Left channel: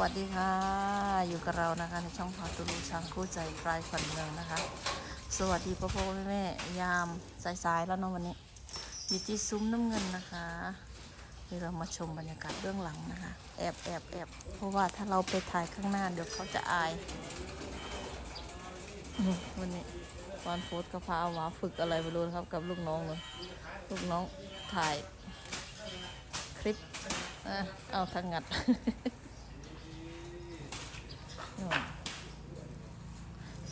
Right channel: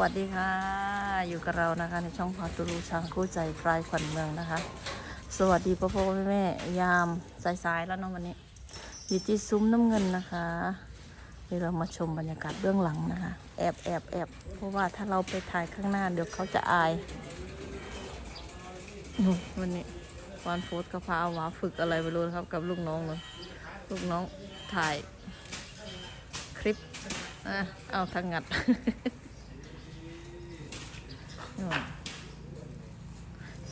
วัสดีค่ะ อยู่กับเรานะคะในช่องพาตูรูช้างคู่ใจปลายขวัญเมืองนะคะ สวัสดีพ่อพ่อแม่แม่ยามสายๆแล้วเนาะวันนี้ อยู่ที่ซุ้มน้ำเงินนะคะเดี๋ยวเรามาชมบรรยากาศเบื้องหลังนะคะ แอบแอบแอบเพราะว่าถ้าเราไปถ่ายข้างหน้าเดี๋ยวเขาจะอายวันนี้วานโฟสก็พาเอาหมาฝึกอะไรไปรู้นะครับกับลูกน้องเลยลูกน้องถ่ายคลิปอะเอาทางงัด นู่น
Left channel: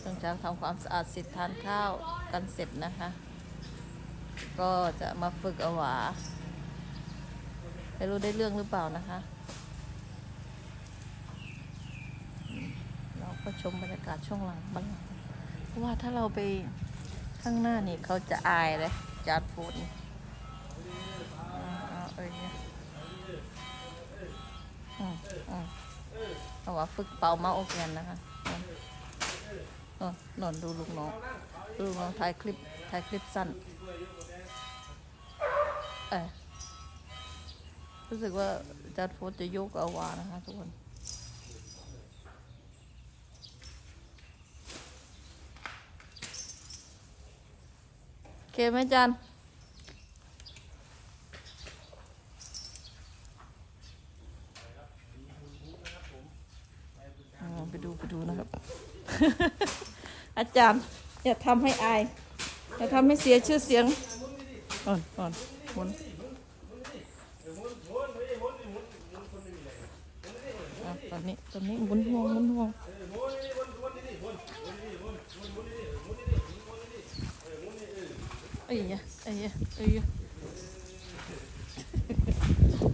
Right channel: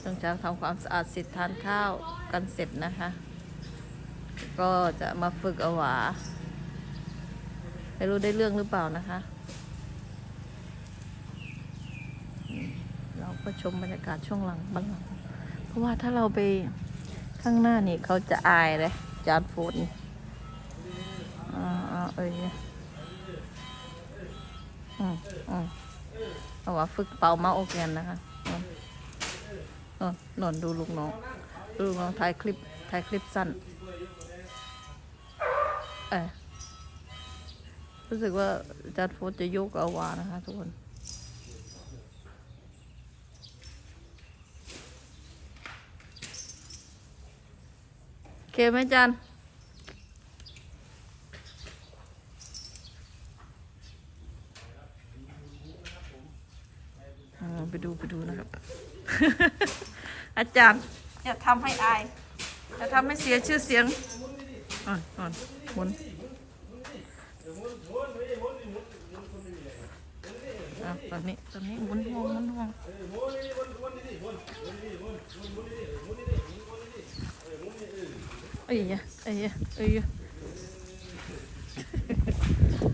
ต้องจาทำความสะอาดเสร็จทานข้าวกันเสร็จนะคะ ก็จะมาฝึกอวาไม่รู้ได้เรื่องหรือเปล่านะคะ เราก็ชมบรรยากาศช่วงหลังบ้างเพราะว่าถ้าเราไปข้างหน้านี่เขาจะอายเลยจานฟูดนี่อ่าอ่าเอ้ยอืมอืม เอาว่าฝึกเป่าเมาโอแกนนะคะนอนนอนดูลูกน้องดูลูกน้องถ่ายคลิปถ่ายคลิปสั้น เออรู้สึกว่าจัดโฟจะยกเอาวานะคะทุกคนโอเคไหมจัน อ่าไป ดูไปดูนะครับ อาจารย์อย่าทำให้อายอย่าทำให้เสียชื่อเสียงอ่อนอ่อนหมุนตอนนี้ตอนนี้หมุนหมุนหมุนเอ้ยเอ้ยเอ้ยยะ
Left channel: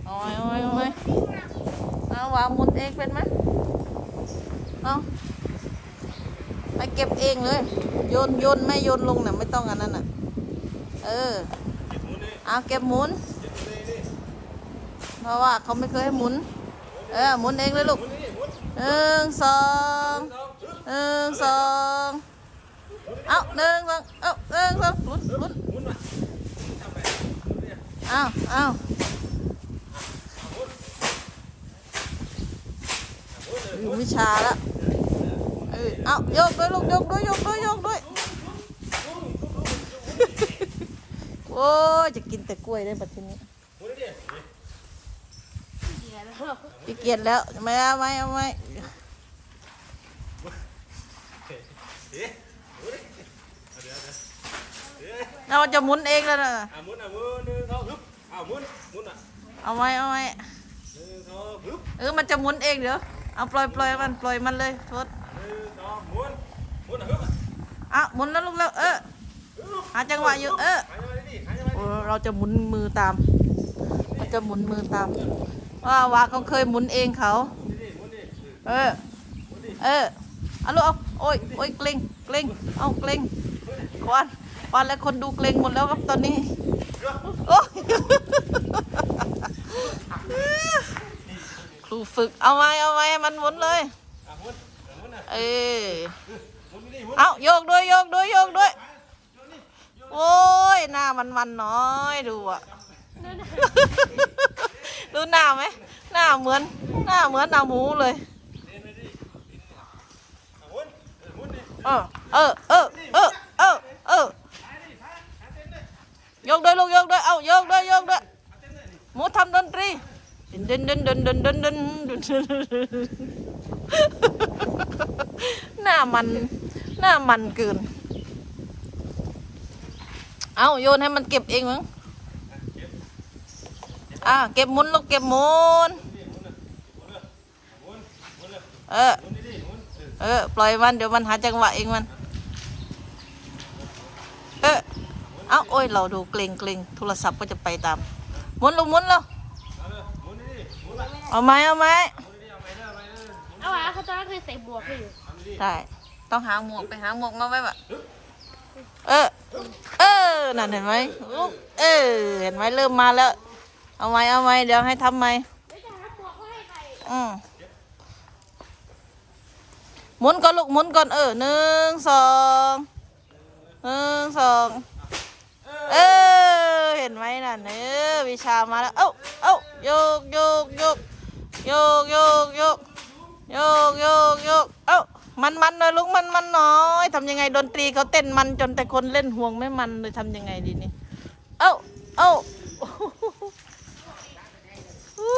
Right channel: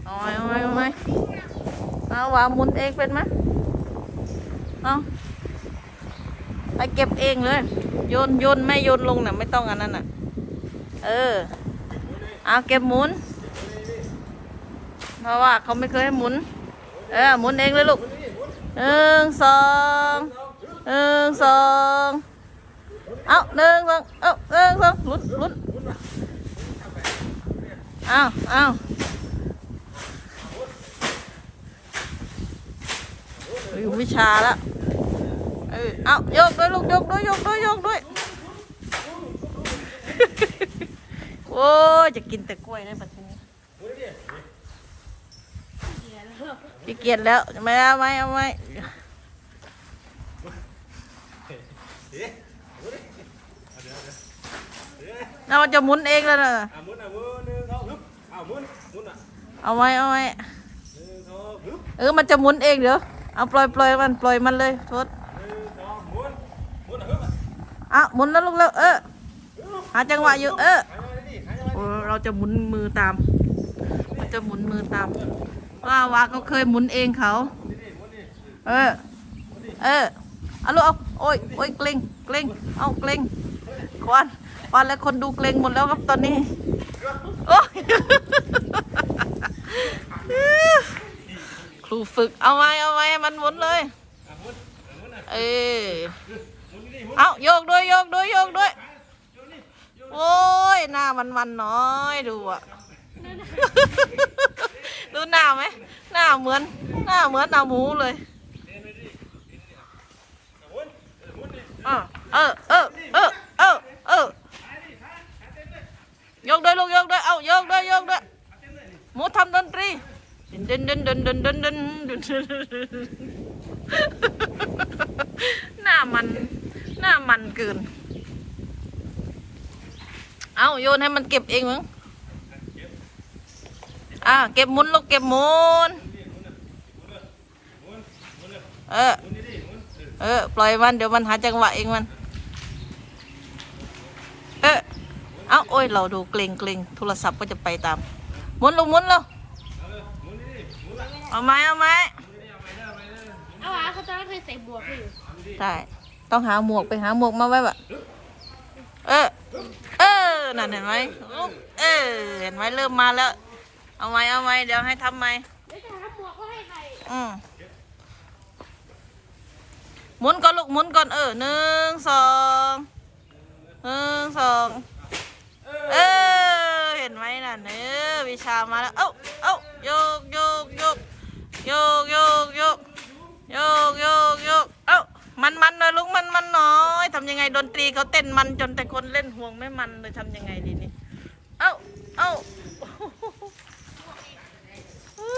เอาไว้เอาไว้เอาไว้เอาว่าหมุนเองเป็นไหม เอาไปเก็บเองเลย โยนโยนไม่โยนลงน่ะไม่ต้องอันนั้นน่ะ เออ เอาเก็บหมุน เพราะว่าเขาไม่เคยให้หมุน เออหมุนเองเลยลูกหนึ่งสองหนึ่งสองเอาหนึ่งสองเอาหนึ่งสองหมุนหมุนเอาเอาอยู่วิชาแล้ว ออเอาโยกด้วยลูกโยกด้วยโยกด้วยโยกด้วยโอ้ยจะกินแต่กล้วยได้ปัจจุบันขี้เกียจแล้วไม่เอาไม่เอาไม่เราจะหมุนเองแล้วนะอะหมุนอะหมุนหนึ่งสองฮึบอะหมุนหมุนอะเอาไว้เอาไว้หนึ่งสองฮึบเออมันจะหมุนเองเดี๋ยวเอาปล่อยปล่อยมันปล่อยมันเลยโทษ หนึ่งสองหมุนหมุนอะฮึบอะ อะหมุนแล้วลูกแล้ว เออ หาจังหวะอยู่ เออโอ้เราจะหมุนมือตาม เราจะหมุนมือตามว่าวาเขาเคยหมุนเองเขา เออ เออเอาลูกเอาโอ้ยโอ้ยเกรงเกรงเอาเกรงควันควันแล้วคนดูเกรงหมดแล้วครับตอนนี้ โอ้ยครูฝึกเอาไว้เอาไว้มันหมุนเลย เออ เอาโยกด้วยโยกด้วยโยกด้วย โอ้ยหน้ามันมันน้อยดูอะ ดูหน้าไหมหน้าเหมือน หน้าเหมือนหน้าหมูเลยอะหมุนเออหมุนดิเออเออเออเออเออเออหายดิหายหายเต็มเลยโยกด้วยลูกโยกด้วยเอาโยกด้วยโยกด้วยหมูทำดนตรีดินดินดินดินดินดินดินหน้ามัน หน้ามันเกิน เอาโยนให้มันเก็บเองมั้งอ่าเก็บมุนลูกเก็บมุนเออ เออ ปล่อยมันเดี๋ยวมันหาจังหวะเองมัน เออ เอาโอ้ย เราดูเกรงเกรงโทรศัพท์ก็จะไปตาม มุนลงมุนแล้วเอาเลยหมเอาไหมเอาไหมเอาวะเขาจะเคยใส่บวกไปอยู่ใช่ ต้องหาหมวกไปหาหมวกมาไว้แบบเออ เออ นั่นเห็นไหมลูกเออ เห็นไหมเริ่มมาแล้ว เอาไหมเอาไหมเดี๋ยวให้ทำไหมอืมหมุนก่อนลูกหมุนก่อนเออหนึ่งสองหนึ่งสองเออ เห็นไหมนั่นเออวิชามาแล้ว เอ้าเอ้าโยกโยกโยกโยกโยกโยก มันมันเลยลุกมันมันน้อยทำยังไงดนตรีเขาเต้นมันจนแต่คนเล่นห่วงไม่มันเลยทำยังไงดีนี่เอ้าเอ้าอู้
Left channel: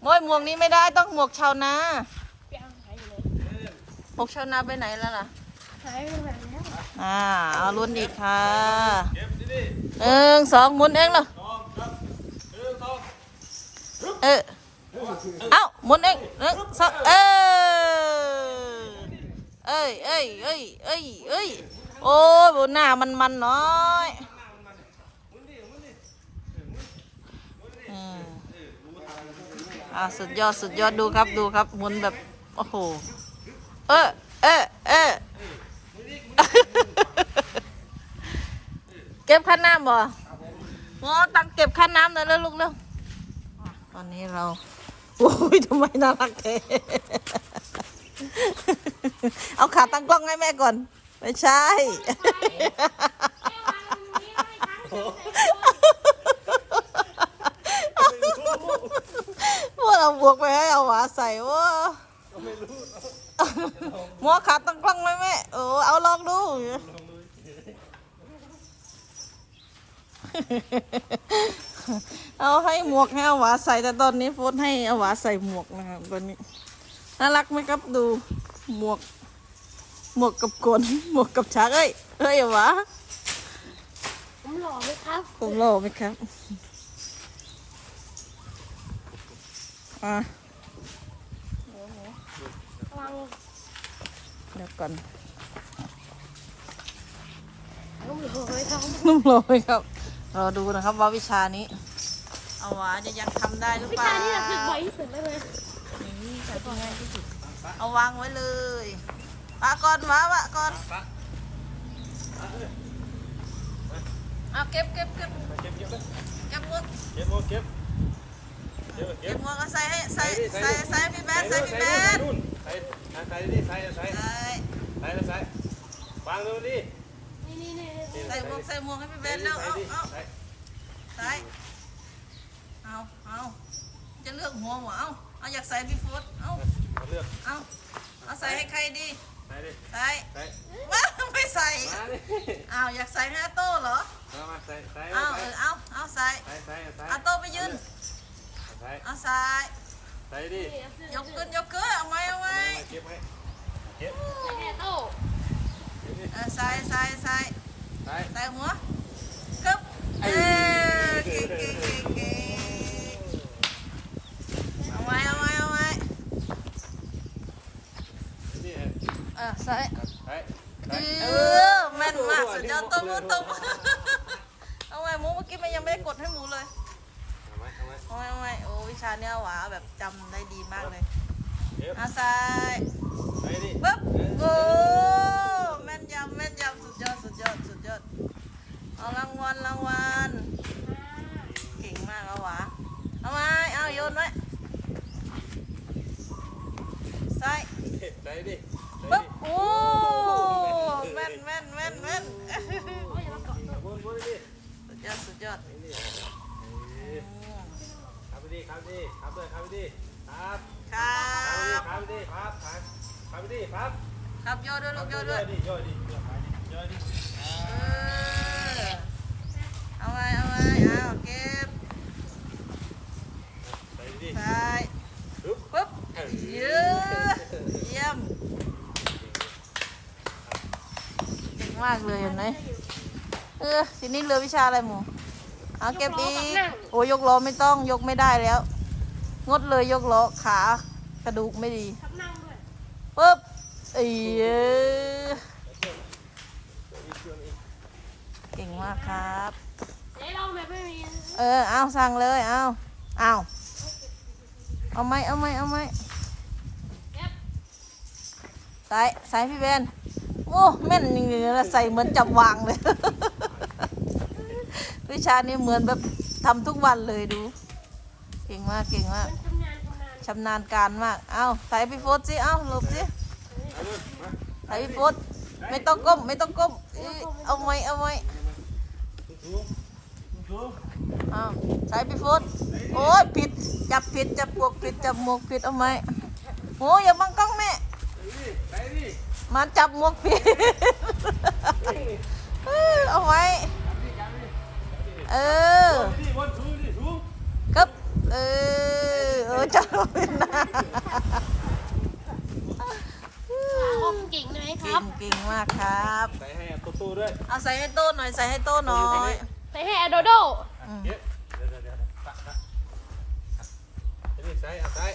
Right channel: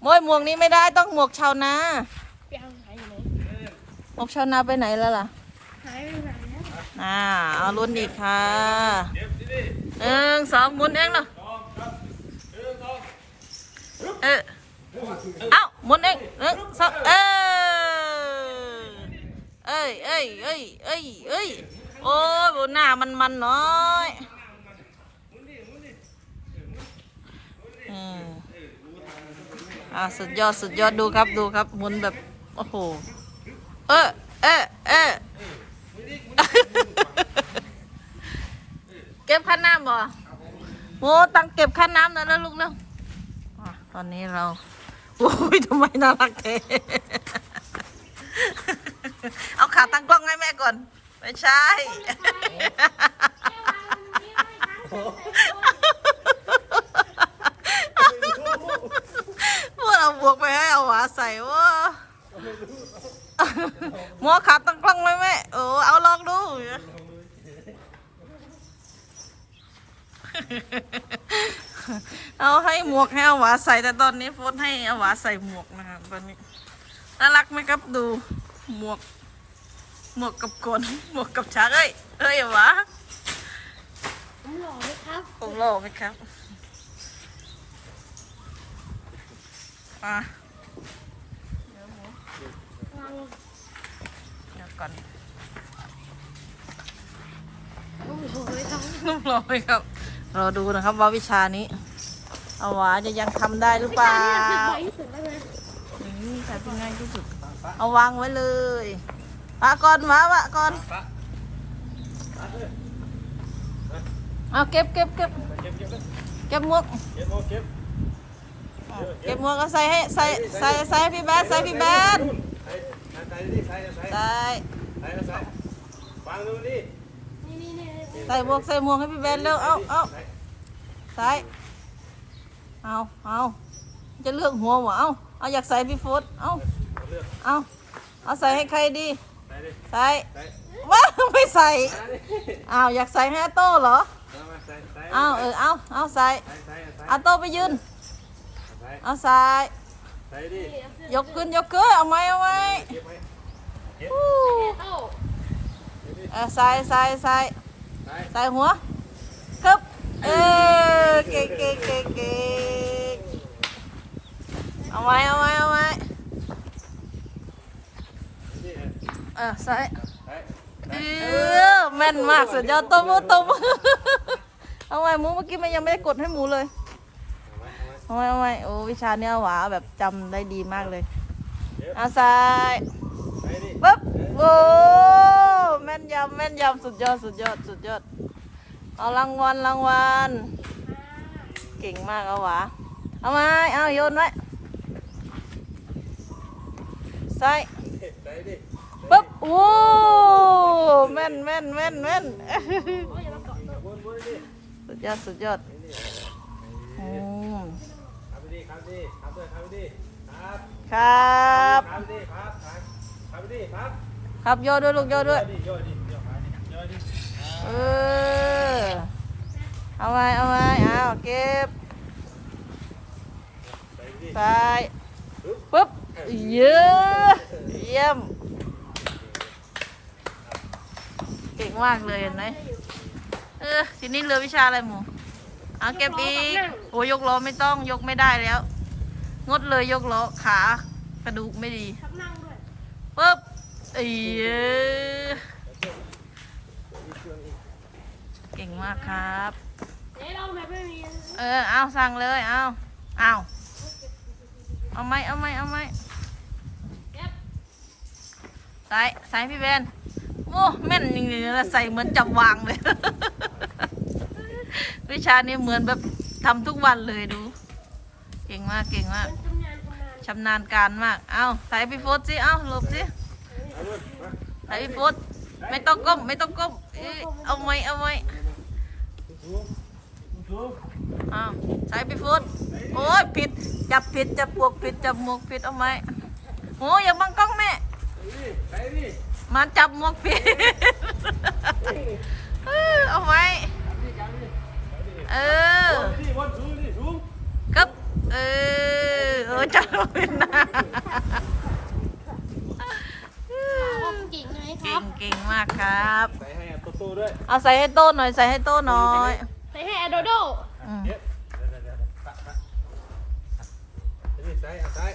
โมยหมวกนี้ไม่ได้ต้องหมวกชาวนาหมวกชาวนาไปไหนแล้วล่ะหายไปแบบนี้อ่าเอาลุ้นอีกค่ะเก็บดีหนึ่งสองหมุนเองเหรอๆสองครับหนึ่งสองเออเอ้าหมุนเองหนึ่งสองเออเอ้ ยเอ้ยเอ้ยเอ้ยเอ้ยโอ้ยบนหน้ามันมันน้อยอ่าสุดยอดสุดยอดดูครับดูครับหมุนแบบ โอ้โห เออเออเออเก็บค่าน้ำบ่โอ้ตังเก็บค่าน้ำหน่อยแล้วลูกเร็วตอนนี้เรา โอ้ยทำไมน่ารักเท เอาขาตั้งกล้องให้แม่ก่อน ไม่ใช่ พวกเราบวกไปให้เอาหวาใส่ว่ามัวขาตั้งกล้องไหมแม่โอ้เอาลองดู เอาให้หมวกให้เอาหวาใส่แต่ตอนนี้โฟนให้เอาหวาใส่หมวกนะครับตอนนี้ น่ารักไหมครับดู หมวก หมวกกับกวนหมวกกับช้างเอ้ยเอ้ยเอาหวาผมหล่อไหมครับผมหล่อไหมครับอะวางเดี๋ยวก่อนลูกถูกเลยครับนุ่มหล่อไหมครับรอดูนะครับว่าวิชานี้ เอาหวาจะยังทำได้หรือเปล่า ที่สวยที่สุดได้ไหมนี่แต่เป็นไงที่สุด เอาวางไว้เลยปะก่อนวะวะก่อนปะปะเอ้ยเอาเก็บเก็บเก็บไปเก็บเก็บเลยเก็บหมวกเก็บหมดเก็บเก็บหมวกก็ใส่ให้ใส่ใส่ใส่ให้พี่แบดใส่พี่แบดใส่ใส่ดิใส่ใส่ใส่ใส่ใส่วางดูนี่นี่นี่นี่นี่ใส่หมวกใส่หมวกให้พี่แบดเร็วเอาเอาใส่ใส่เอาเอาจะเลือกหัววะเอา เอาอยากใส่พี่โฟดเอาเอาเลือกเอาเอาใส่ให้ใครดี ใส่ดิใส่ใส่ว้าไม่ใส่มาดิเอาอยากใส่ให้อาโต้เหรอเอามาใส่ใส่เอาเออเอาเอาใส่ใส่ใส่ใส่อาโต้ไปยืนใส่เอาใส่ใส่ดิยกขึ้นยกขึ้นเอาไหมเอาไหมเก็บไว้เฮ้โต้เก็บดิเออใส่ใส่ใส่ใส่ใส่หัวกึบเออเก่งเก่งเก่งเก่งเอา ไว้เอาไว้เอาไว้นี่เออใส่ใส่เออแม่นมากสุดยอดตัวมือตัวมือเอาไว้หมูเมื่อกี้มันยังไม่ได้กดให้หมูเลยเอาไว้เอาไว้เอาไว้เอาไว้โอ้วิชาเนี้ยหวาแบบจำได้ดีมากเลยเก็บเอาใส่ใส่ดิปึ๊บโอ้แม่นยำแม่นยำสุดยอดสุดยอดสุดยอดเอารางวัลรางวัลเก่งมากเอาหวาเอาไม้เอาโยนไว้ ใส่ใส่ดิปึ๊บโอ้แม่นแม่นแม่นแม่นวนวนดิสุดยอดสุดยอดอืมครับดิครับดิครับด้วยครับดิครับครับครับดิครับครับครับไปดิครับครับโยด้วยลูกโยด้วยดิโยดิโยขาดิโยดิเออเอาไว้เอาไว้เอาเก็บใส่ดิใส่ปึ๊บ เยอะเยี่ยมเก่งมากเลยเห็นไหมเออทีนี้เหลือวิชาอะไรหมูเอาเก็บอีกโอ้ยกล้อไม่ต้องยกไม่ได้แล้ว งดเลยยกล้อขากระดูกไม่ดีทับนั่งด้วยปึ๊บเอ้ยเก่งมากครับไหนเราแบบไม่มีเออเอาสั่งเลยเอาเอาเอาไหมเอาไหมเอาไหมเก็บ ใส่ใส่พี่เบนโอ้แม่นจริงๆนะใส่เหมือนจับวางเลย วิชานี้เหมือนแบบทำทุกวันเลยดู เก่งมากเก่งมากมันทำงานานชำนาญการมาก เอาใส่พี่โฟดสิเอาหลบสิใส่พี่โฟดไม่ต้องก้มไม่ต้องก้มเอ้ยเอาไหมเอาไหมสูงสูงเอาใส่พี่โฟดโอ้ยผิดจับผิดจับปวกผิดจับหมวกผิดเอาไหมโอ้ยอย่าบังกล้องแม่ เนี่ไปนี่มาจับหมวกปีเออเอาไว้จับนี่จับนี่ไปนี่เออวนนี่วนสูงนี่สูงกับเออเออจับเป็นนะพ่อเก่งเลยคเก่รับ งเก่งมากครับ ใส่ให้ตัวตู้ด้วยเอาใส่ให้โต้หน่อยใส่ให้โต้หน่อยใส่ให้อโดโดอืมเดี๋ยวเดี๋ยวเดี๋ยวปะปะไปนี่ใส่เอาใส่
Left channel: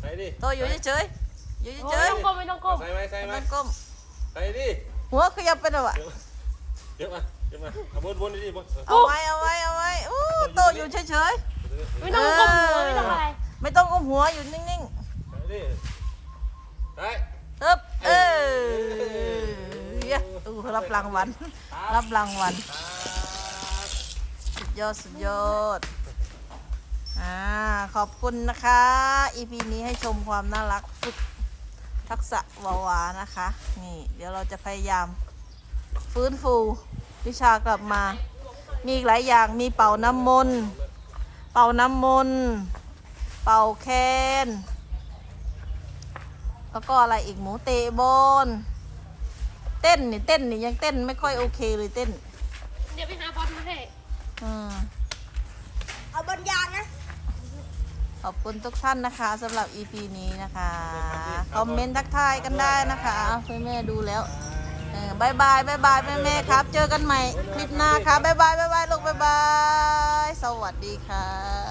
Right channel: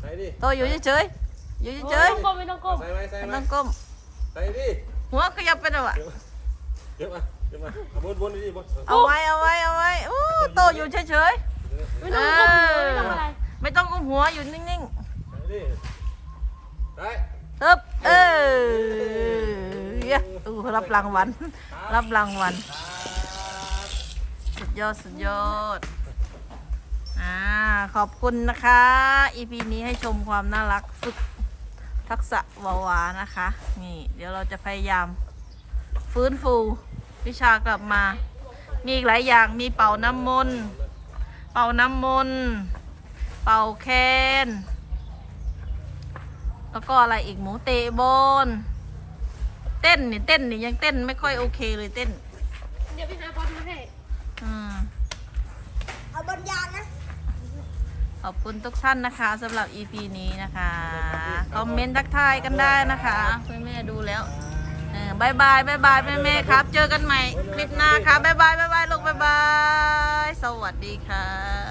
ใส่ดิโต้อยู่เฉยๆ อยู่เฉไม่ยต้องก้มไม่ต้องก้มใส่ไหมใส่ๆไหมไม่ต้องก้มใส่ดิหัวขยับไปหน่อยวะเดี๋ยวมาเดี๋ยวมาเอาวนวนดิวนเอาไว้เอาไว้เอาไว้อู้โตอยู่เฉยไม่ต้องก้มหัวไม่ต้องอะไรๆไม่ต้องก้มหัวอยู่นิ่งใส่ดิใส่ๆฮึบเออเย้อู้รับรางวัลรับรางวัลสุดยอดสุดยอดอ่าขอบคุณนะคะ EP นี้ให้ชมความน่ารักฝึก ทักษะวาวานะคะ นี่ เดี๋ยวเราจะพยายาม ฟื้นฟูวิชากลับมา มีอีกหลายอย่างมีเป่าน้ำมนต์เป่าน้ำมนต์เป่าแคนแล้วก็อะไรอีกหมูเตะบอลเต้นนี่เต้นนี่ยังเต้นไม่ค่อยโอเคเลยเต้น เดี๋ยวไปหาบอลมาให้อืมเอาบอลยางนะ ขอบคุณทุกท่านนะคะสำหรับ EP นี้นะคะ คอมเมนต์ทักทายกันได้นะคะคุณแม่ดูแล้วเออบายบายบายบายแม่แม่ๆครับ เจอกันใหม่คลิปหน้าครับบายบายบายบายลูกบายบาย สวัสดีค่ะ